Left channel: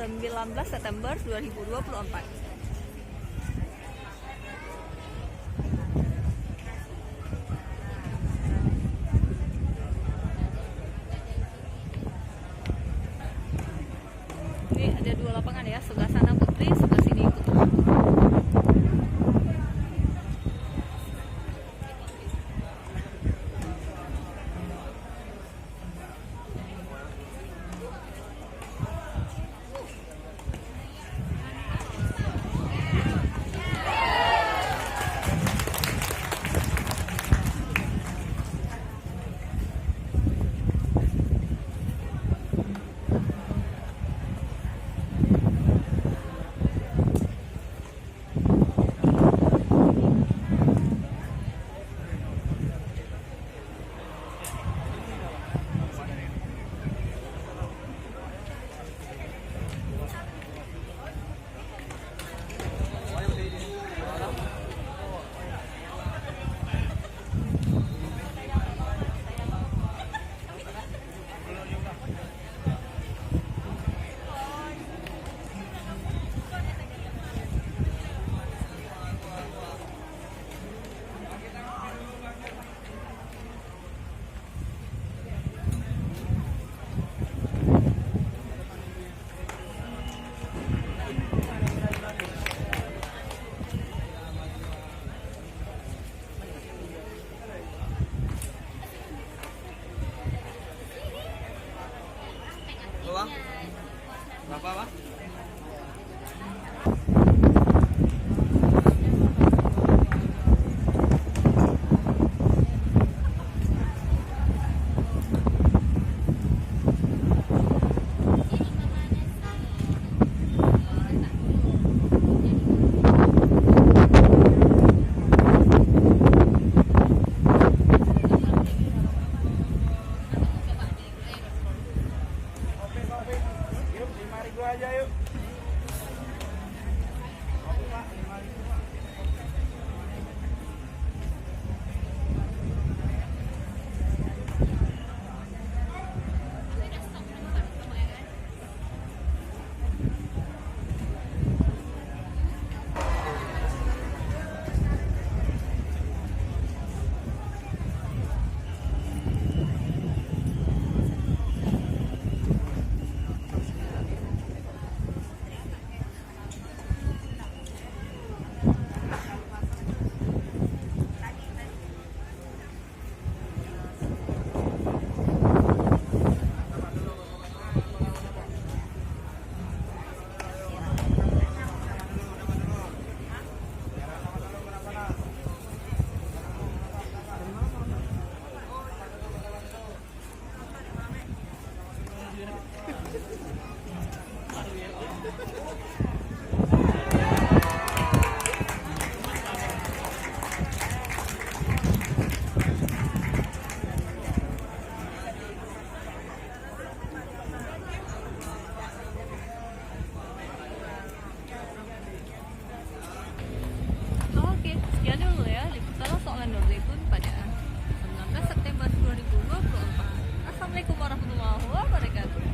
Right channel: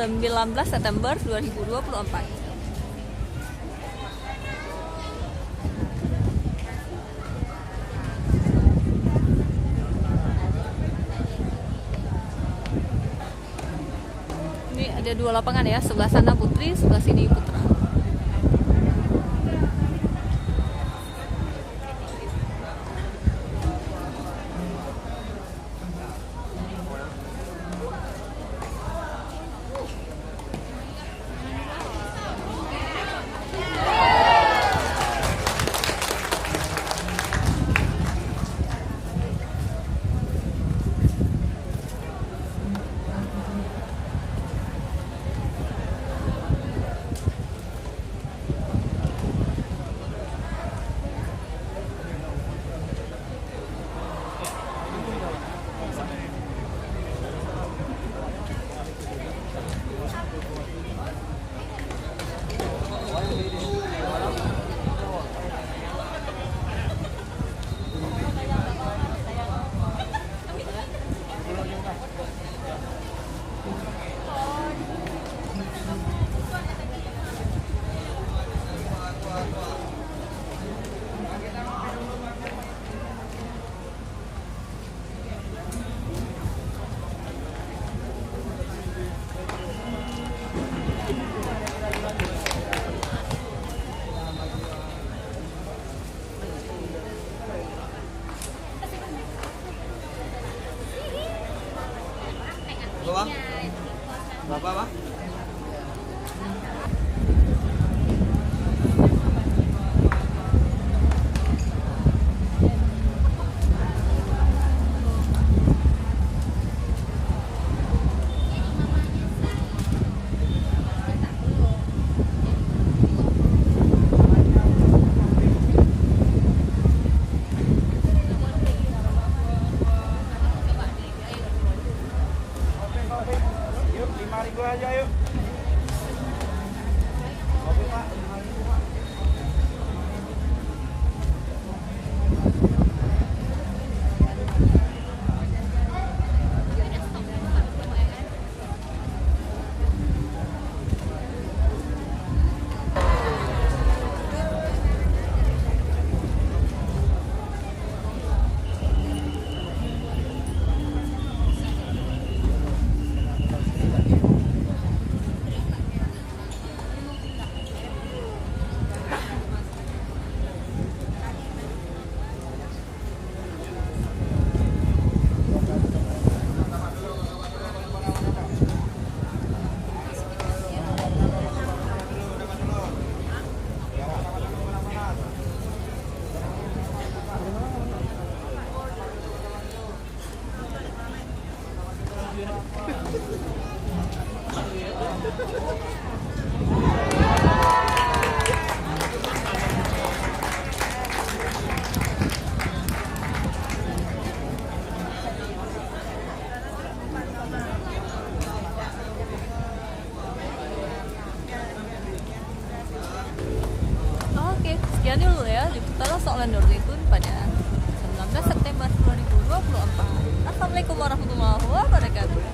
19 September 2024. Ini ada dua lapangan ya, sebelah sana putri, sebelah sini putra. Bang? Berapa, Bang? Yuk, 5.000 aja yuk. Oke, Pak. 5.000, Pak. Oke, sekian dulu ya liputan soal Nur Zaitun pada 19 September 2024. Assalamualaikum warahmatullahi wabarakatuh.